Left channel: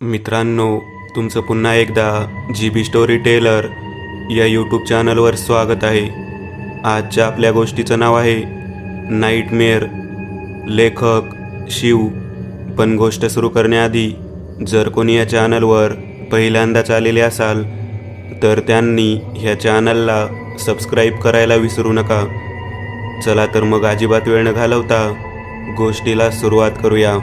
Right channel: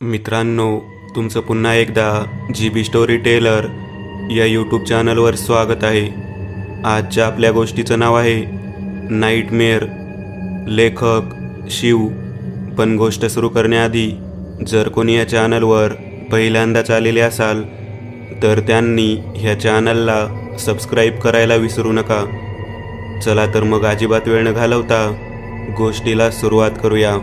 मित्रांनो, तुमचं पुन्हा एकदा GB स्टोरी टेलर या यूट्यूब चॅनलवर स्वागत आहे. आजच्या आपल्या गोष्टीचं नाव आहे नाईटमेअर. लेखक शिव. पण गोष्ट सुरू करण्याआधी जर कोणी या चॅनलवर पहिल्यांदाच आलेले असाल तर त्यांनी ह्या चॅनलला सबस्क्राईब करायला विसरू नका. चला तर मग अजिबात वेळ न घालवता गोष्टीला सुरुवात करूया.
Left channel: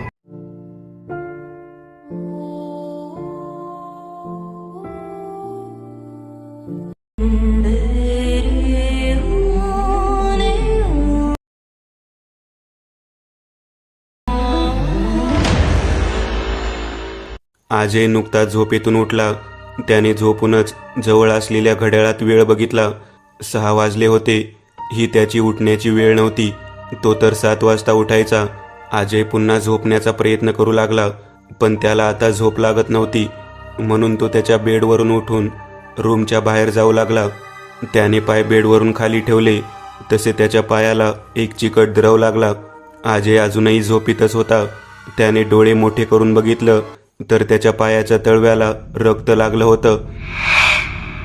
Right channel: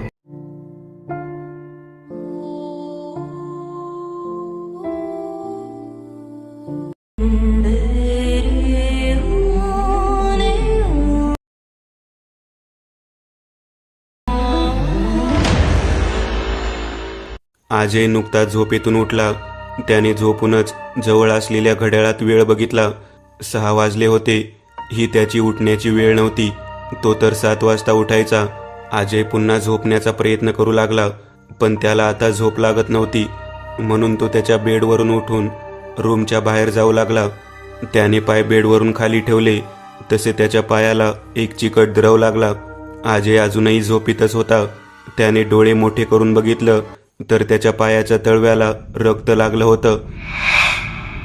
अजय नुकताच झोपेतून उठला. त्याने झोपूनच जवळ असलेल्या घड्याळात वेळ बघितला. 6 वाजले होते. ही त्याची उठण्याची वेळ नव्हती. तो तर 7 वाजता उठायचा. अजय पुन्हा झोपण्याचा प्रयत्न करू लागला, पण त्याला आता झोप लागत नव्हती. म्हणून तो त्याच्या बेडवरून उठून रूमच्या बाहेर जाऊ लागला. त्याने पाय बेडवरून खाली ठेवले तसे त्याच्या पायाला एक चिकट द्रव लागला. अजय अजूनही झोपीतच होता. त्याने डोळे मोठे करून बघितलं तर त्याच्या पायाच्या तळव्याला रक्त लागलं होतं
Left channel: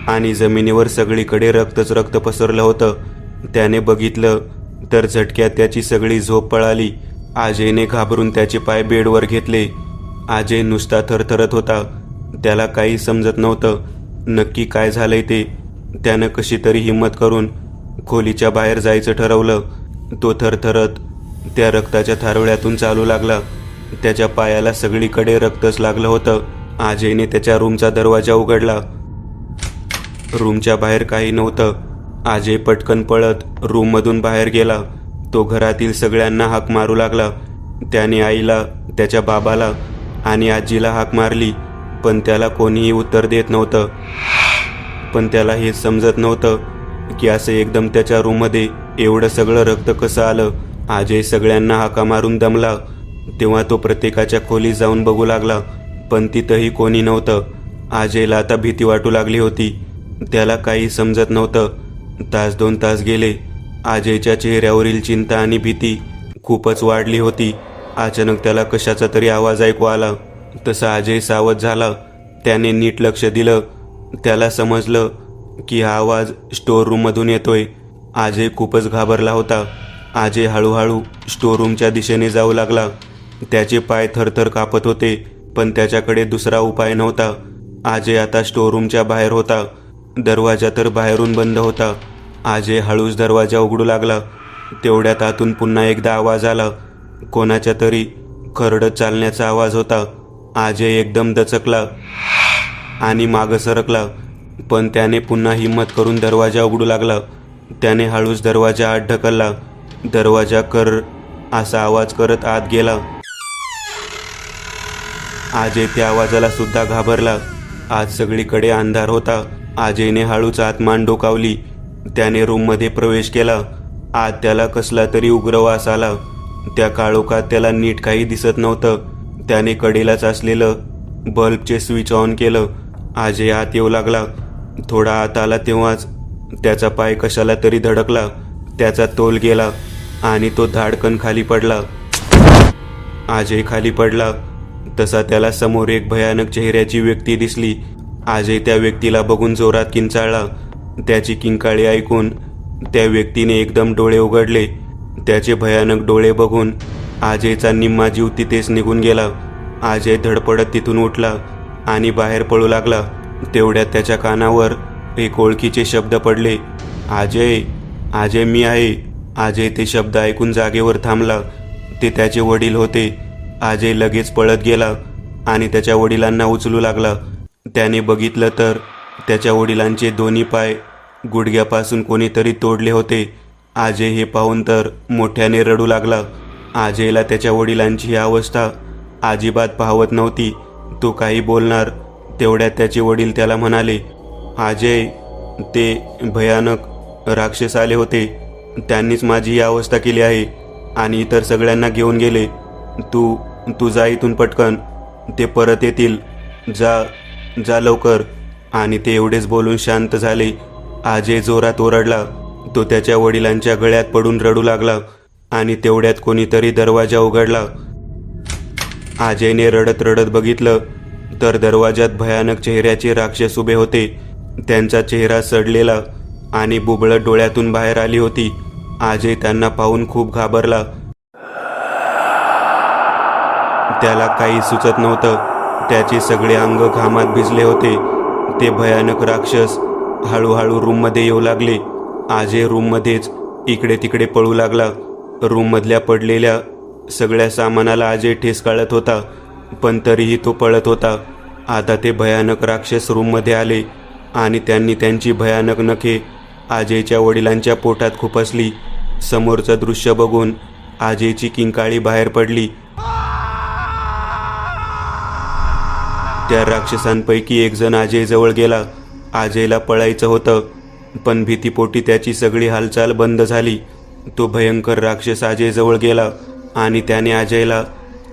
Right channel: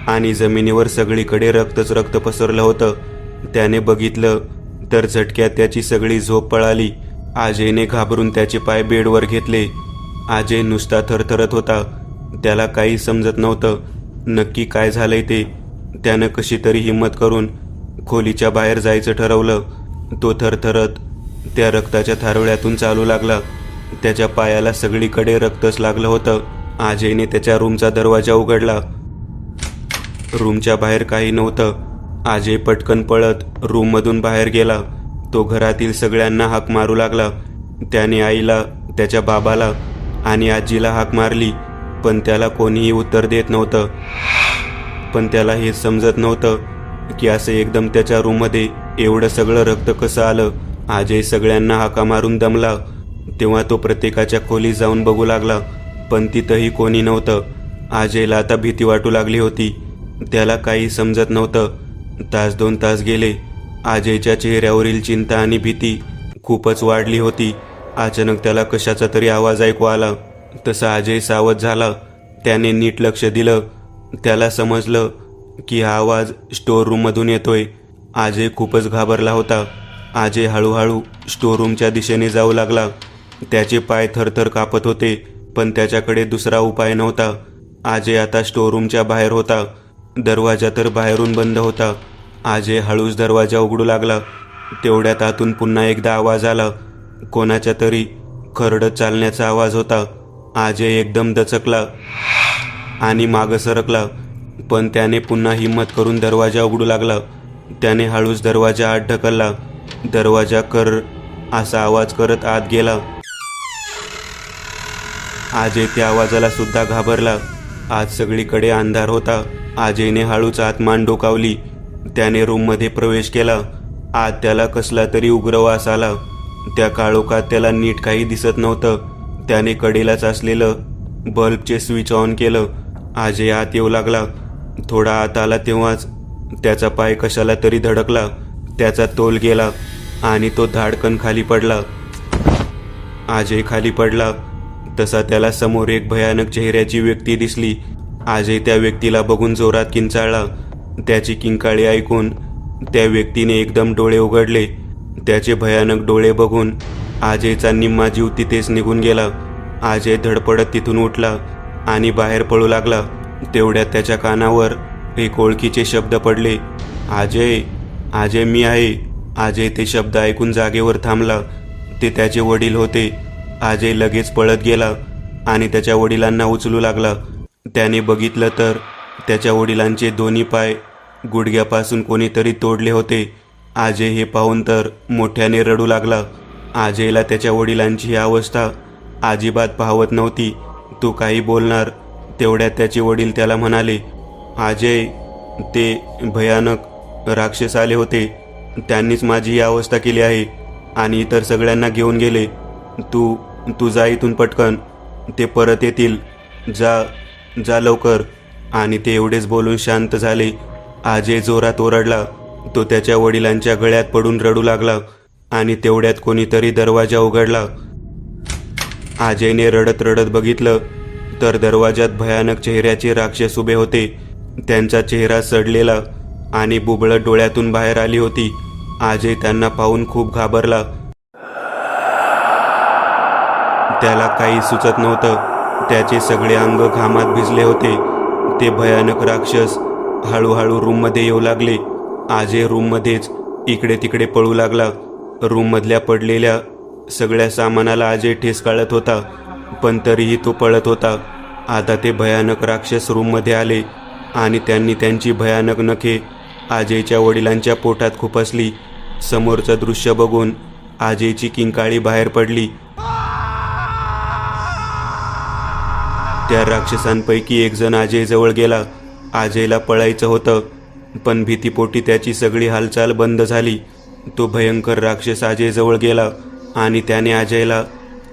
आणि जमिनीवर सगळीकडे रक्तच रक्त पसरलं होतं. त्याने बघितलं तर झटक्यात त्याची सगळी झोप पळाली. अजयने घाबरून त्याचे पाय बेडवर घेतले. अजय नुसता थरथरत होता. त्याला काही समजत नव्हतं नक्की काय झालंय ते. त्यानं कशी तरी हिंमत करून खोलीच्या बाहेर जायचं ठरवलं. तो थरथरत त्या रक्ताच्या थारोळ्यातून चालू लागला. त्याच्या पायाला सगळीकडे रक्तच लागलं होतं. अजयने त्याच्या रूमचा दरवाजा उघडला. रूमच्या बाहेर काही नव्हतं. अजय पटकन पळत रूममधून बाहेर गेला. तो घरातील सगळ्यांना हाक मारू लागला. त्याने आईला, त्याच्या बाबाला आणि आजीला हाक मारली, पण त्याला कोणीही उत्तर देत नव्हतं. पण त्याला हे समजत नव्हतं की असं एकदम त्याच्या रूममध्ये एवढं सगळं रक्त कसं आलं. अजय सगळ्यांना हाका मारून दमला. तेव्हा तो प्रत्येकाच्या खोलीत जाऊन बघू लागला, पण तिथंही कोणी नव्हतं. अजयला आता भीती वाटू लागली होती. त्याला काही समजत नव्हतं. 1-2 तास गेले. अजयच्या चेहऱ्यावरील चिंता आणि भीती खूपच वाढली होती. अचानक त्याला कशाचा तरी आवाज ऐकू आला. तसा अजय सावध झाला. त्याने नीट लक्ष दिलं. त्याला समजलं की हा आवाज स्टोर रूममधून येतोय. अजय खूपच घाबरला होता. अजय हळूहळू स्टोर रूमच्या दिशेने जाऊ लागला. त्याचे पाय थरथर कापत होते, पण त्याच्याकडे दुसरा उपाय नव्हता. अजय आता स्टोर रूमच्या बाहेर होता. दरवाजा तर बाहेरून बंद होता. अजय हळूच दरवाजा उघडू लागला. तेवढ्यात आतून पुन्हा एकदा आवाज आला. कोणाच्या तरी खरडत चालण्याचा आवाज होता. अजय एकदम दचकला आणि मागं सरकला, पण त्याने पुन्हा हिंमत करून दरवाजा उघडू लागला. त्याने हळूच दरवाजा आत ढकलला. दरवाजा कर असा आवाज करत आत गेला. अजय त्या आवाजाला सुद्धा घाबरला. आज सगळीकडे अंधार होता. अजयने हळूच आत मान डोकावली. त्याने रूममध्ये प्रवेश केला. आत त्याला कसला तरी उग्र वास आला. त्या काळोखात त्याला नीट काही दिसत नव्हतं. त्याने कडेलाच असलेलं बल्बचे स्विच ऑन केलं. अजय आत येऊ लागला. थोडा आत आला तेव्हाच त्याचा पाय कशाला तरी धडकला. त्याचा तोल गेला आणि तो धाडकन खाली पडला. अजय खाली पडला तसा त्याला समोर एक भयानक चेहऱ्याची व्यक्ती दिसली. अजय त्या व्यक्तीला बघून जोरात किंचाळला. त्याची किंकाळी ऐकून त्या व्यक्तीने एकदम डोळे उघडले. त्याचे भयानक डोळे बघून अजयचा निम्मा जीव तिथेच निघून गेला. अजय धडपडत तिथून उठला आणि बाहेर पळू लागला. तेवढ्यात त्याच्या कानावर एक ओळखीचे शब्द पडले. अजय, अजय मी आहे. अजय ते शब्द ऐकून जागेवर थांबला. ते त्याचे वडील होते. अजय लगेच पळत गेला आणि त्याच्या वडिलांना उचलू लागला. त्याने बघितलं तर त्याच्या वडिलांचे दोन्ही पाय गुडघ्यापासून कोणीतरी तोडले होते. अजय हे पाहून तर मोठ्याने रडू लागला. अजयला त्याच्या वडिलांची ही अवस्था अजिबात पाहवत नव्हती. तो काही बोलणार तेवढ्यात त्याचे वडील त्याला म्हणाले, अजय, ते भयानक राक्षस आले होते. त्यांनीच माझी ही अवस्था केली आहे आणि इतर सगळ्यांना घेऊन गेले. तू जा इथून पटकन. ते परत येतील. जा जा लवकर. आणि ते एवढेच बोलून शांत झाले. अजय जोरात ओरडला. तो त्याच्या वडिलांच्या गळ्यात पडून रडू लागला आणि तेवढ्यात कोणीतरी दरवाजा उघडला. अजयने रडत रडत बघितलं तर दरवाजात भयानक चेहऱ्याचे राक्षस उभे होते. त्यांचा चेहरा सडलेला आणि बुबळट डोळ्यातून बाहेर आली होती. अजय त्यांना पाहून खूप घाबरला. त्याला काही सुचत नव्हतं. त्याचे सगळे अंग घामात भिजले होते. ते भयानक राक्षस हळूहळू रूममध्ये येऊ लागले. अजय रूममध्येच इकडे तिकडे पळू लागला. रूममधल्या पडलेल्या सगळ्या सामानाला अजय ठेस काढत होता, पण तरीही तो पळत होता. आता ते भयानक राक्षस रूममध्ये आले आणि त्यांनी त्यांची भयानक नखे अजयच्या वडिलांच्या पोटात खुपसली. समोरचं दृश्य बघून अजयची किंकाळी बाहेर पडली. त्या राक्षसांपैकी एक जण अजय जवळ गेला. अजयला पळायचं होतं, पण भीतीपोटी त्याची सगळी हालचाल बंद झाली. तो भयंकर राक्षस अजय जवळ गेला आणि त्याने अजयला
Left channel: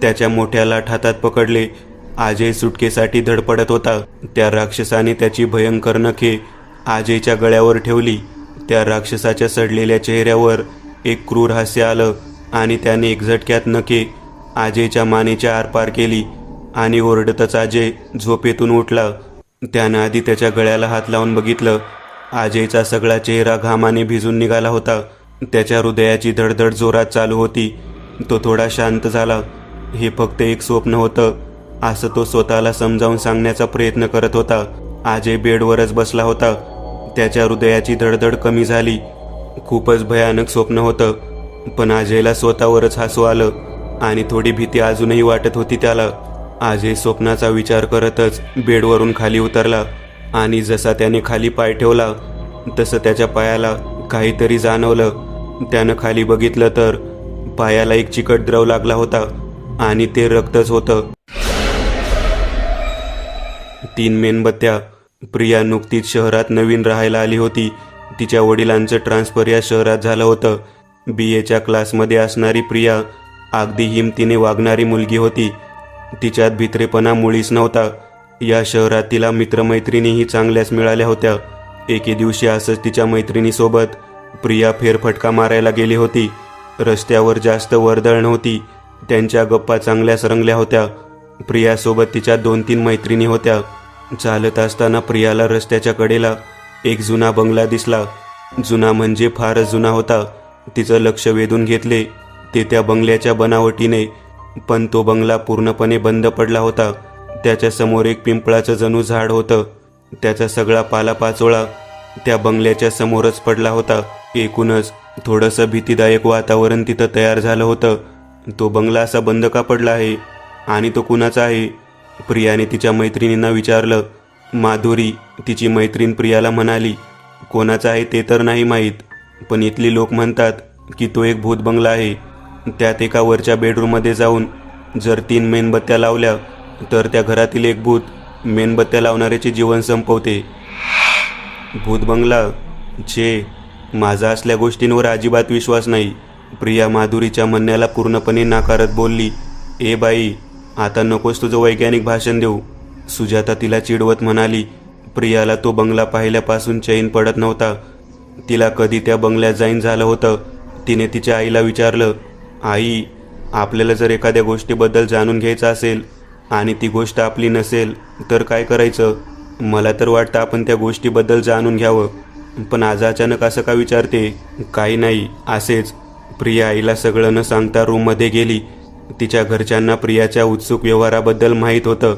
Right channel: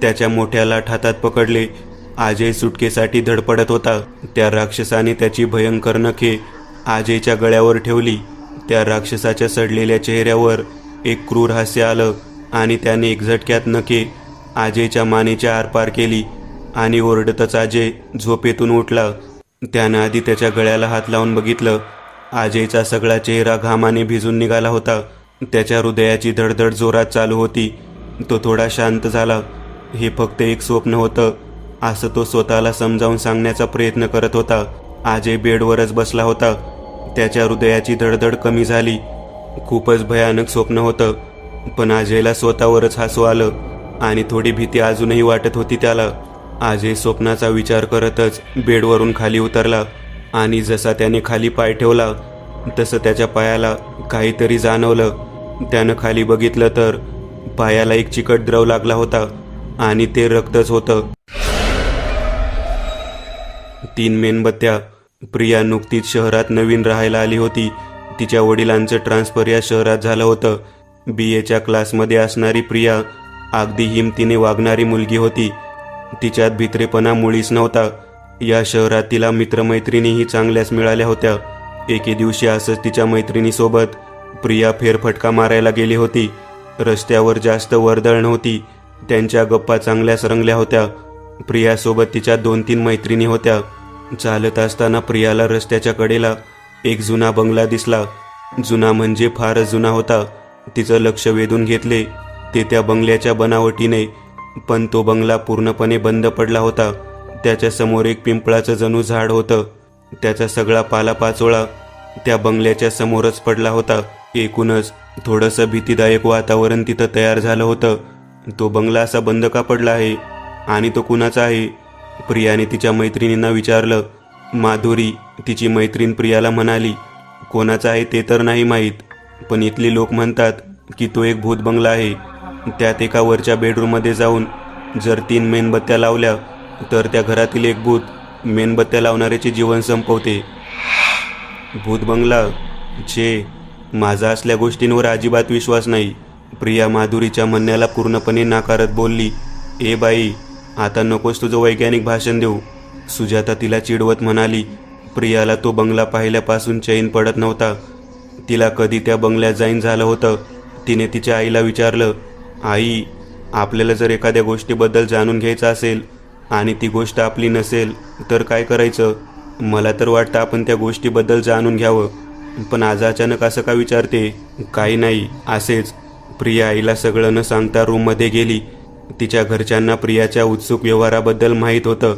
त्याच्या मोठ्या लाट हातात पकडले. अजय सुटकेसाठी धडपडत होता. त्या राक्षसाने त्याची भयंकर नखे अजयच्या गळ्यावर ठेवली. त्या राक्षसाच्या सडलेल्या चेहऱ्यावर एक क्रूर हास्य आलं आणि त्याने एक झटक्यात नखे अजयच्या मानेच्या आरपार केली आणि ओरडतच अजय झोपेतून उठला. त्यानं आधी त्याच्या गळ्याला हात लावून बघितलं. अजयचा सगळा चेहरा घामाने भिजून निघाला होता. त्याच्या हृदयाची धडधड जोरात चालू होती. तो थोडा शांत झाला. हे फक्त एक स्वप्न होतं असं तो स्वतःला समजावून सांगण्याचा प्रयत्न करत होता. अजय बेडवरच बसला होता. त्याच्या हृदयाची धडधड कमी झाली. खूपच भयानक स्वप्न होतं, पण अजयला स्वतःवरच हसू आलं आणि थोडी भीती अजूनही वाटत होती त्याला. अजय स्वप्नाचा विचार करतच बेडवरून खाली उतरला आणि जसा त्याने खाली पाय ठेवला तसं त्याच्या पायाला काहीतरी जाणवलं. त्यानं खाली बघितलं तर पायाला एक चिकट द्रव लागला होता आणि ते रक्तच होतं. 3 मेणबत्त्या. प्रिया नुकतीच शहरात नवीन राहायला आली होती. तिच्या वडिलांचं ट्रान्सफर या शहरात झालं होतं. BAच्या क्लासमध्ये असणारी प्रिया अगदी हिमतीने वागणारी मुलगी होती. तिच्यात भित्रेपणा मुळीच नव्हता. या शहरात तिला मित्रमैत्रिणीही चांगल्याच मिळाल्या होत्या. एके दिवशी असंच तिच्या मैत्रिणीसोबत प्रिया फेरफटका मारायला गेली होती. रस्त्यावर जास्त वर्दळ नव्हती. त्यांच्या गप्पा चांगल्याच रंगल्या होत्या. प्रियासोबत तिच्या 2-3 मैत्रिणी होत्या. चालत असताना प्रियाला रस्त्याच्या कडेला एक जुना बंगला दिसला. जुना म्हणजे फारच जुना होता. तिचं लक्ष वेधून घेतले ते त्या बंगल्याच्या बनावटीने, पण तो बंगला पूर्णपणे बंद पडला होता. त्याच्या समोर एक पिंपळाचं जणू झाड होतं. त्याचा सगळा पालापाचोळा त्या बंगल्याच्या समोरच पडला होता. एकूणच थोडंसं भीतीदायक वातावरण तिथं तयार झालं होतं. तो बंगला असा बंद का पडला आहे आणि तो कुणाचा आहे? प्रियाने तिच्या मैत्रिणींना विचारलं. माधुरी, तिची मैत्रीण प्रियाला म्हणाली, कोणाचा आहे ते तर नाही माहीत, पण इथली लोक म्हणतात की तो एक भूत बंगला आहे. त्यात एका वरच्या बेडरूममध्ये जाऊन जर 3 मेणबत्त्या लावल्या तर त्या घरातील एक भूत मेणबत्त्या लावणाऱ्याचे जीवन संपवते. भूत बंगला? छे, माझा असल्या गोष्टींवर अजिबात विश्वास नाही. प्रिया माधुरीच्या म्हणण्याला पूर्णपणे नाकारत बोलली. ए बाई, आता नकोस तुझं वैज्ञानिक भाषण देऊ, सुजाता तिला चिडवत म्हणाली. प्रियाला तो बंगला पाहिल्यापासून चैन पडत नव्हता. तिला कधी त्या बंगल्यात जाईन झालं होतं. तिने तिच्या आईला विचारलं, आई, आपल्याला जर एखाद्या गोष्टीबद्दल जाणून घ्यायचं असेल आणि ती गोष्ट आपली नसेल तर काय करायचं? मला तर वाटतं आपण त्या गोष्टीबद्दल जाणून घ्यावं, पण आज अचानक असं का विचारते? काही नाही, असेच. प्रिया आईला सगळं न सांगता रूममध्ये गेली. तिच्या घरच्यांना प्रियाच्या उत्सुक व्यवहाराबद्दल माहीत होतं,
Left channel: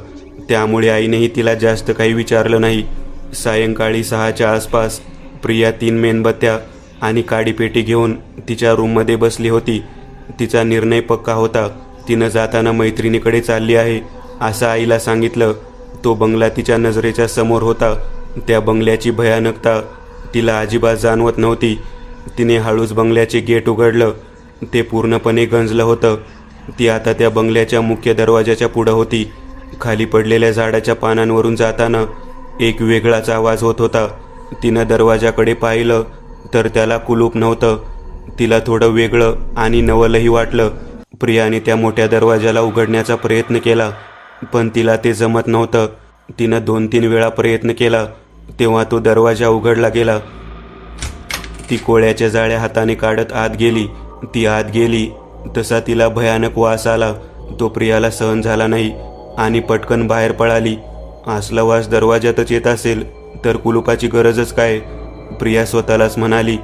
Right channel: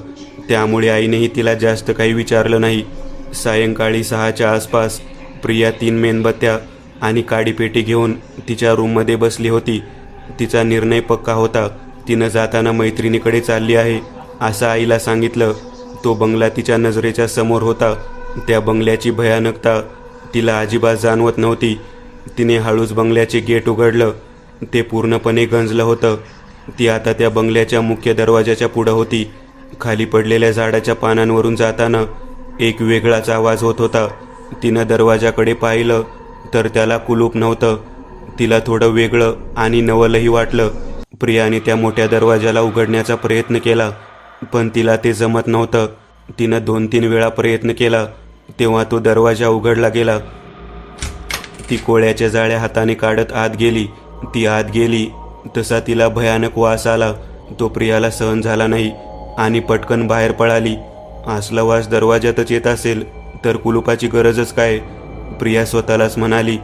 त्यामुळे आईनेही तिला जास्त काही विचारलं नाही. सायंकाळी 6च्या आसपास प्रिया 3 मेणबत्त्या आणि काडीपेटी घेऊन तिच्या रूममध्ये बसली होती. तिचा निर्णय पक्का होता. तिनं जाताना मैत्रिणीकडे चालली आहे असं आईला सांगितलं. तो बंगला तिच्या नजरेच्या समोर होता. त्या बंगल्याची भयानकता तिला अजिबात जाणवत नव्हती. तिने हळूच बंगल्याचे गेट उघडलं. ते पूर्णपणे गंजलं होतं. ती आता त्या बंगल्याच्या मुख्य दरवाजाच्या पुढं होती. खाली पडलेल्या झाडाच्या पानांवरून जाताना एक वेगळाच आवाज होत होता. तिनं दरवाजाकडे पाहिलं तर त्याला कुलूप नव्हतं. तिला थोडं वेगळं आणि नवलही वाटलं. प्रियाने त्या मोठ्या दरवाजाला उघडण्याचा प्रयत्न केला, पण तिला ते जमत नव्हतं. तिनं 2-3 वेळा प्रयत्न केला तेव्हा तो दरवाजा उघडला गेला. ती कोळ्याच्या जाळ्या हाताने काढत आत गेली. ती आत गेली तसा तिला भयानक वास आला. तो प्रियाला सहन झाला नाही. आणि पटकन बाहेर पळाली. असला वास दरवाजातच येत असेल तर कुलुपाची गरजच काय, प्रिया स्वतःलाच म्हणाली.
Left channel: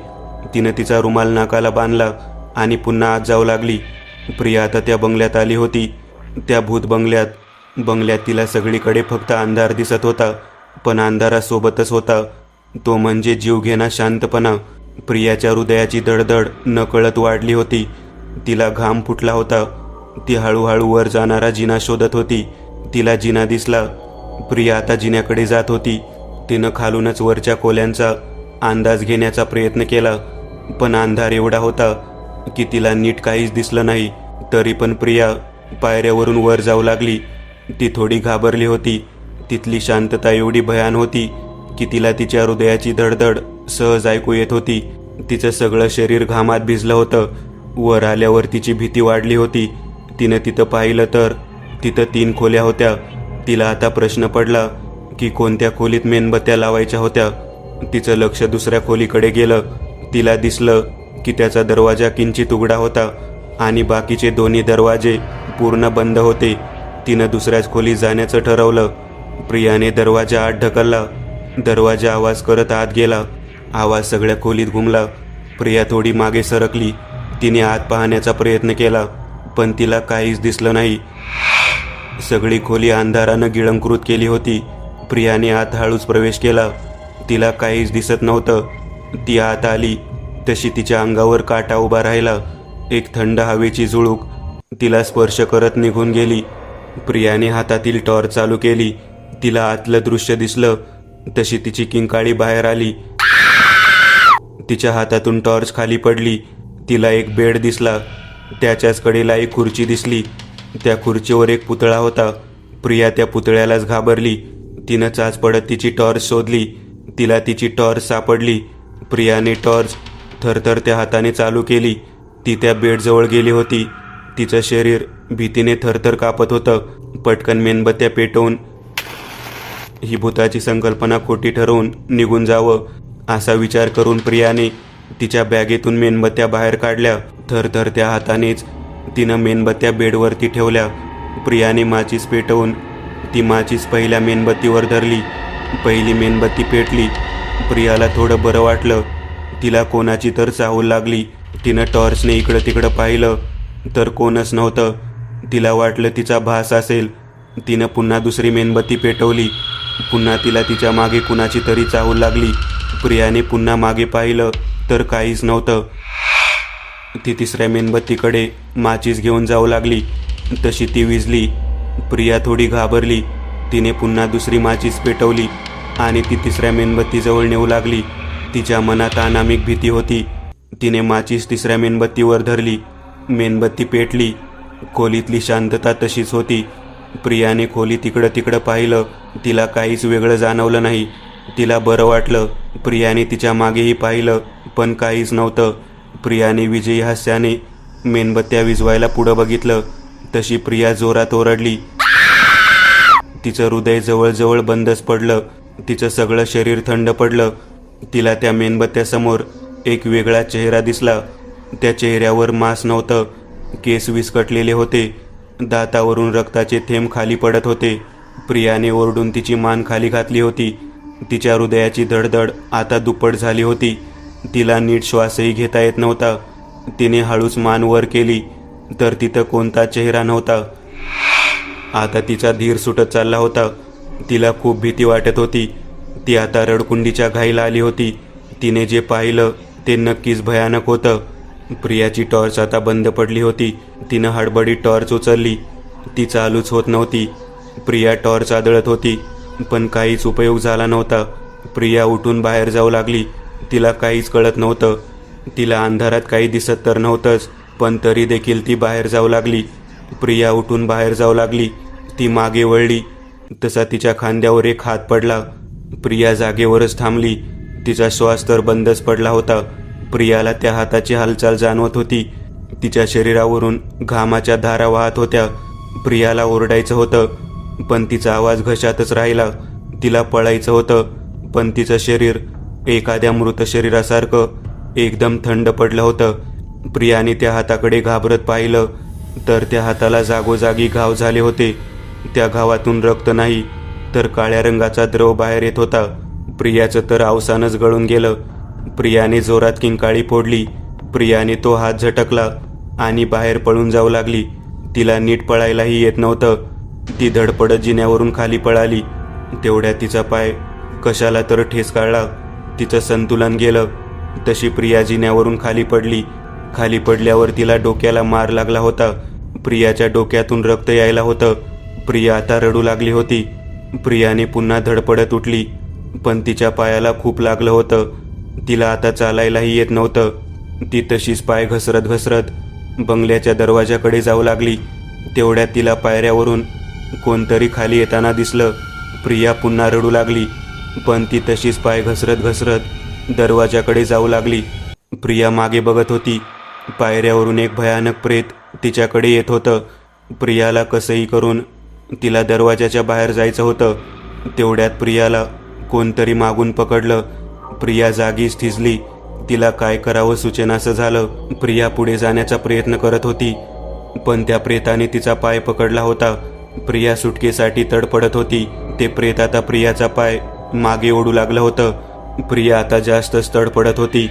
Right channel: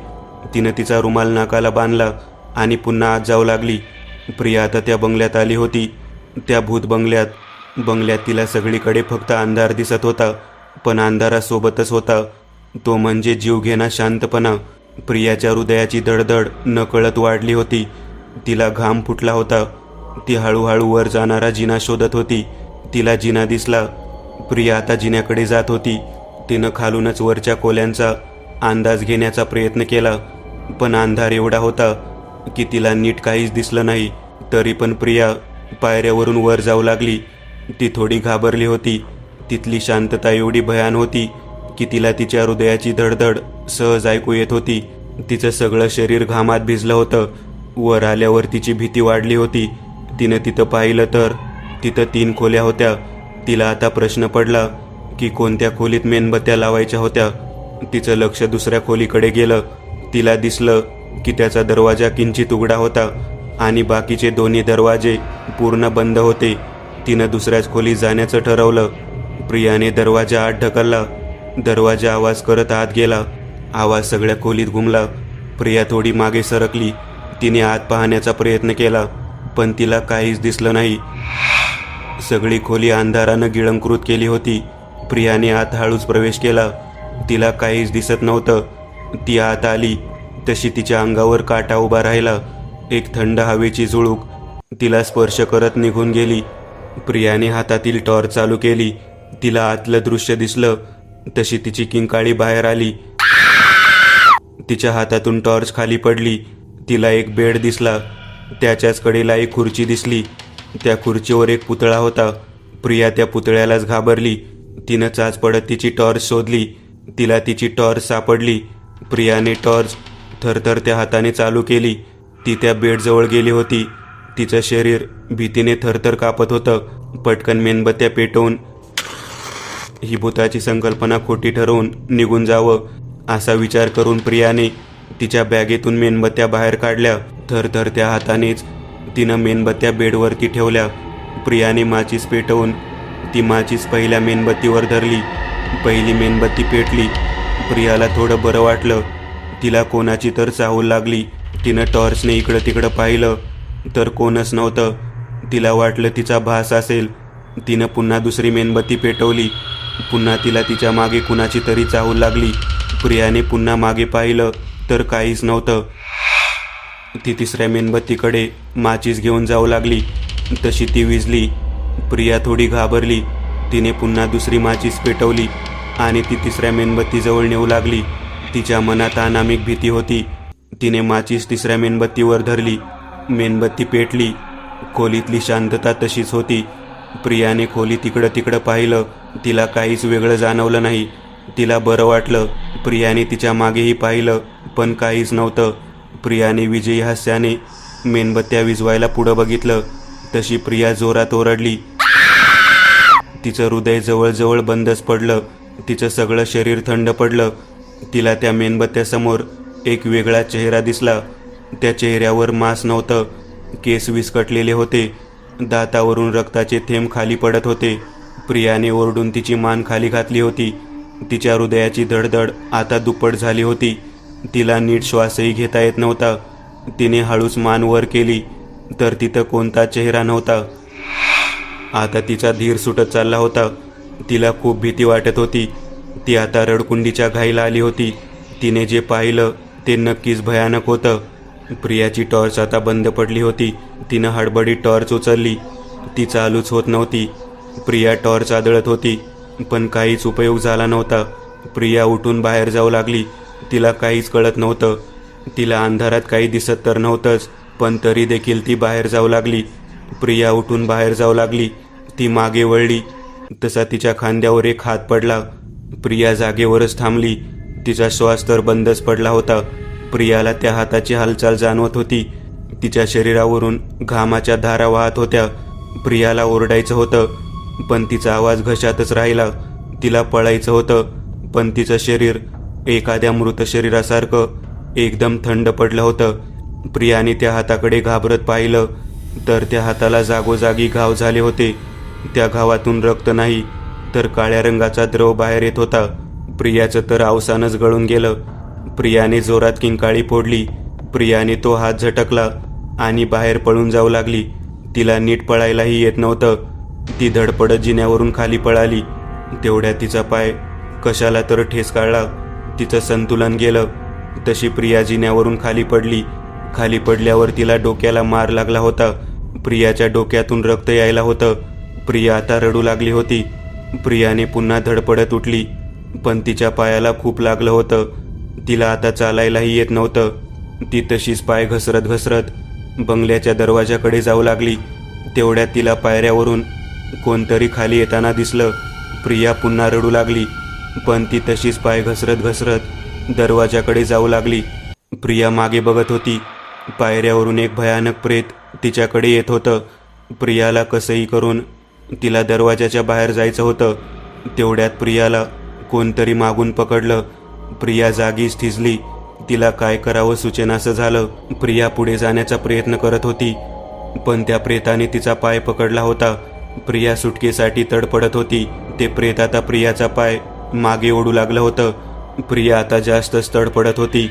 तिनं तिचा रुमाल नाकाला बांधला आणि पुन्हा आत जाऊ लागली. प्रिया आता त्या बंगल्यात आली होती. त्या भूत बंगल्यात तिला सगळीकडे फक्त अंधार दिसत होता, पण अंधारासोबतच होता तो म्हणजे जीवघेणा शांतपणा. प्रियाच्या हृदयाची धडधड नकळत वाढली होती. तिला घाम फुटला होता. ती हळूहळू वर जाणारा जिना शोधत होती. तिला जिना दिसला. प्रिया आता जिन्याकडे जात होती. तिनं खालूनच वरच्या खोल्यांचा अंदाज घेण्याचा प्रयत्न केला, पण अंधार एवढा होता की तिला नीट काहीच दिसलं नाही. तरी पण प्रिया पायऱ्यावरून वर जाऊ लागली. ती थोडी घाबरली होती. तिथली शांतता एवढी भयान होती की तिला तिच्या हृदयाची धडधड सहज ऐकू येत होती. तिचं सगळं शरीर घामात भिजलं होतं. वर आल्यावर तिची भीती वाढली होती. तिनं तिथं पाहिलं तर तिथं 3 खोल्या होत्या. तिला आता प्रश्न पडला की कोणत्या खोलीत मेणबत्त्या लावायच्या होत्या. तिचं लक्ष दुसऱ्या खोलीकडे गेलं. तिला दिसलं की त्याचा दरवाजा किंचित उघडा होता आणि बाकीचे दोन्ही दरवाजे पूर्ण बंद होते. तिनं दुसऱ्याच खोलीत जाण्याचं ठरवलं. प्रियाने दरवाजा आत ढकलला. दरवाजा आवाज करत आत गेला. आवाज सगळ्या खोलीत घुमला. प्रिया थोडी मागे सरकली. तिने आत पाहण्याचा प्रयत्न केला, पण तिला काहीच दिसलं नाही. सगळी खोली अंधारानं गिळंकृत केली होती. प्रियाने आत हळूच प्रवेश केला. तिला काहीच दिसत नव्हतं. ती आत आली तशी तिच्या अंगावर काटा उभा राहिला. एक थंड हवेची झुळूक तिला स्पर्श करत निघून गेली. प्रियाने हातातील टॉर्च चालू केली. तिला आतलं दृश्य दिसलं तशी तिची किंकाळी बाहेर आली. तिच्या हातातून टॉर्च खाली पडली. तिला एक बेड दिसला. त्याच्याच कडेला एक खुर्ची दिसली. त्या खुर्चीवर एक पुतळा होता. प्रिया त्या पुतळ्यालाच घाबरली. तिनं चाच पडत तिची टॉर्च शोधली. तिला तिची टॉर्च सापडली. प्रियाने टॉर्च थरथरत्या हाताने चालू केली. ती त्या बेडजवळ गेली होती. तिचं शरीर भीतीने थरथर कापत होतं. पटकन मेणबत्त्या पेटवून ही भूताची संकल्पना खोटी ठरवून निघून जावं असा विचार करून प्रियाने तिच्या बॅगेतून मेणबत्त्या बाहेर काढल्या. थरथरत्या हातानेच तिनं मेणबत्त्या बेडवरती ठेवल्या. प्रियाने माचीस पेटवून ती माचीस पहिल्या मेणबत्तीवर धरली. पहिली मेणबत्ती पेटली. प्रियाला थोडं बरं वाटलं. तिला कोणाची तर चाहूल लागली. तिनं टॉर्चने इकडं तिकडं पाहिलं तर कोणच नव्हतं. तिला वाटलं तिचा भास असेल. तिनं पुन्हा दुसरी मेणबत्ती पेटवली. पुन्हा तिला तिच्या मागे कुणाची तरी चाहूल लागली. प्रियाने पुन्हा मागे पाहिलं तर काहीच नव्हतं. ती तिसऱ्या मेणबत्तीकडे माचीस घेऊन जाऊ लागली. तशी ती विझली. प्रिया थोडी घाबरली. तिने पुन्हा दुसरी माचीस पेटवली आणि ती तिसऱ्या मेणबत्तीजवळ नेऊ लागली. तिच्या मनात अनामिक भीती होती. तिने माचीस तिसऱ्या मेणबत्तीवर धरली. मेणबत्ती पेटली. खोलीतली शांतता तशीच होती. प्रियाने खोलीत इकडं तिकडं पाहिलं. तिला काहीच वेगळं जाणवलं नाही. तिला बरं वाटलं. प्रियाने तिच्या मागेही पाहिलं, पण काहीच नव्हतं. प्रियाने विजयी हास्याने मेणबत्त्या विझवायला पुढं बघितलं. तशी प्रिया जोरात ओरडली. तिचं हृदय जवळजवळ बंदच पडलं. तिचं सगळं शरीर थंड पडलं. तिला त्या मेणबत्त्यासमोर एक वेगळा चेहरा दिसला. त्या चेहऱ्यावर मांस नव्हतं. केस विस्कटलेले होते. दातावरून रक्ताचे थेंब खाली पडत होते. प्रियाने ओरडून तिची मान खाली घातली होती. तिच्या हृदयाची धडधड आता दुप्पट झाली होती. तिला नीट श्वासही घेता येत नव्हता. तिने हळूच मान वर केली तर तिथं कोणता चेहरा नव्हता. आता तिचा धीर सुटत चालला होता. तिला खूप भीती वाटत होती. ती आता रडकुंडीच्या घाईला आली होती. तिने जे पाहिलं ते नक्कीच भयानक होतं. प्रियाची टॉर्च आता बंद पडली होती. तिनं हडबडीत टॉर्च उचलली. ती चालूच होत नव्हती. प्रिया टॉर्च आदळत होती, पण काहीच उपयोग झाला नव्हता. प्रिया उठून बाहेर जाऊ लागली. तिला काहीच कळत नव्हतं. तिला अंधारात काही दिसत तर नव्हतंच, पण तरी देखील ती बाहेर जाऊ लागली. प्रिया उठून बाहेर जाऊ लागली. ती मागे वळली तसा तिच्या खांद्यावर एक हात पडला. प्रिया जागेवरच थांबली. तिचा श्वास तर बंदच पडला होता. प्रियाला त्या हाताची हालचाल जाणवत होती. तिच्या शरीरावरून घामाच्या धारा वाहत होत्या. प्रियाला ओरडायचं होतं, पण तिचा आवाज घशातच राहिला. तिला पळायचं होतं, पण तिचं शरीर एखाद्या मृत शरीरासारखं एकदम थंड पडलं होतं. प्रियाने त्या हाताकडे घाबरत पाहिलं तर त्या हाताला जागोजागी घाव झाले होते. त्या घावातून रक्त नाही तर काळ्या रंगाचा द्रव बाहेर येत होता. प्रियाचं तर अवसानच गळून गेलं. प्रियाने जोरात किंकाळी फोडली. प्रियाने तो हात झटकला आणि बाहेर पळून जाऊ लागली. तिला नीट पळायलाही येत नव्हतं. ती धडपडत जिन्यावरून खाली पळाली. तेवढ्यात तिचा पाय कशाला तर ठेस काढला. तिचं संतुलन गेलं. तशी प्रिया जिन्यावरून खाली पडली. खाली पडल्यावर तिला डोक्याला मार लागला होता. प्रियाच्या डोक्यातून रक्त यायला होतं. प्रिया आता रडू लागली होती. प्रियाने पुन्हा धडपडत उठली, पण तिच्या पायाला खूप लागलं होतं. तिला आता चालायलाही येत नव्हतं. ती तशीच पाय घसरत घसरत बंगल्याच्या दरवाजाकडे जाऊ लागली. तेवढ्यात तिला पायऱ्यावरून कोणतरी खाली येताना दिसलं. प्रिया पुन्हा रडू लागली, पण ती तशीच पाय घसरत घसरत दरवाजाकडे जाऊ लागली. प्रिया मागे बघत होती. पायऱ्यावरून एक भयानक प्रेत तिच्याकडे येत होतं. प्रियाला कसंही करून तिला दरवाजाच्या बाहेर जायचं होतं. तेवढ्यात प्रियाला कोणतरी मागून पकडलं. प्रिया जागीच थिजली. तिला काय करावं सुचेनासं झालं. प्रिया पुढे जाण्याचा प्रयत्न करत होती, पण त्या प्रेताने तिचा पाय पकडला होता. प्रिया सुटकेसाठी तडपडत होती. ते प्रेत आता प्रियाचा पाय मागे ओढू लागलं होतं. प्रिया आता जास्तच तडपडत होती.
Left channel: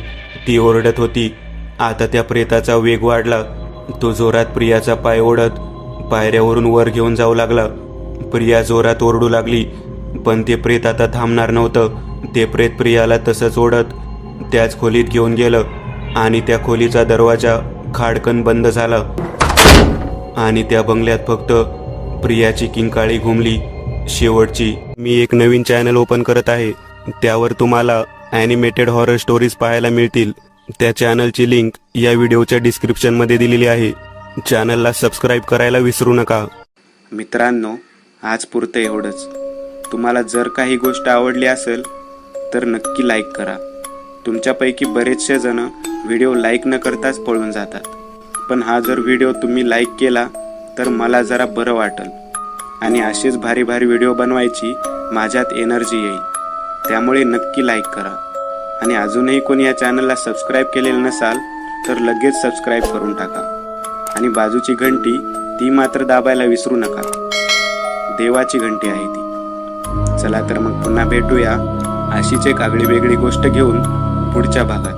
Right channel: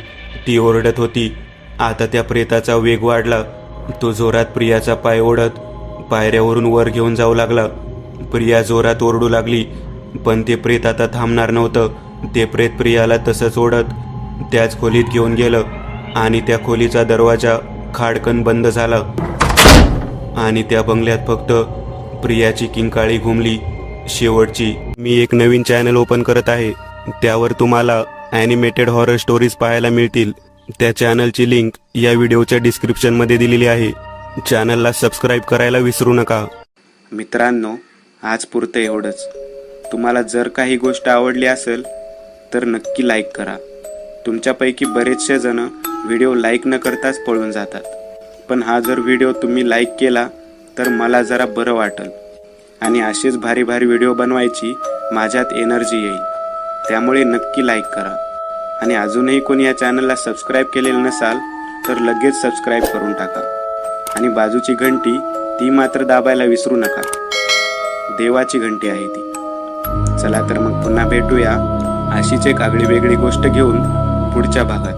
ती ओरडत होती. आता त्या प्रेताचा वेग वाढला. तो जोरात प्रियाचा पाय ओढत पायऱ्यावरून वर घेऊन जाऊ लागला. प्रिया जोरात ओरडू लागली, पण ते प्रेत आता थांबणार नव्हतं. ते प्रेत प्रियाला तसंच ओढत त्याच खोलीत घेऊन गेलं आणि त्या खोलीचा दरवाजा खाडकन बंद झाला आणि त्या बंगल्यात फक्त प्रियाची किंकाळी घुमली, शेवटची. मी एक नवीन चॅनल ओपन करत आहे. त्यावर तुम्हाला ॲनिमेटेड हॉरर स्टोरीज पाहायला मिळतील. त्या चॅनलची लिंक या व्हिडिओच्या डिस्क्रिप्शनमध्ये दिलेली आहे. चॅनलला सबस्क्राईब करायला विसरू नका. मित्रांनो, आज पुरतं एवढंच. तुम्हाला जर काही गोष्ट आवडली असेल तर नक्की लाईक करा. तुमच्यापैकी बरेचसे जण व्हिडिओ लाईक न करताच पळून जातात, पण हा जर व्हिडिओ तुम्ही लाईक केला तर मला जरा बरं वाटेल आणि असेच भारी भारी व्हिडिओ बनवायची माझ्यात एनर्जी येईल. त्यामुळे नक्की लाईक करा आणि अजूनही कोणी या चॅनलला सबस्क्राईब केलेलं नसाल तर लगेच सबस्क्राईब करून टाका आणि बाजूची घंटी ती मात्र दाबायला विसरू नका. देवाची घंटी आहे ती. चला तर मग पुन्हा भेटूया अशीच एक आगळी वेगळी गोष्ट घेऊन पुढच्या भागात.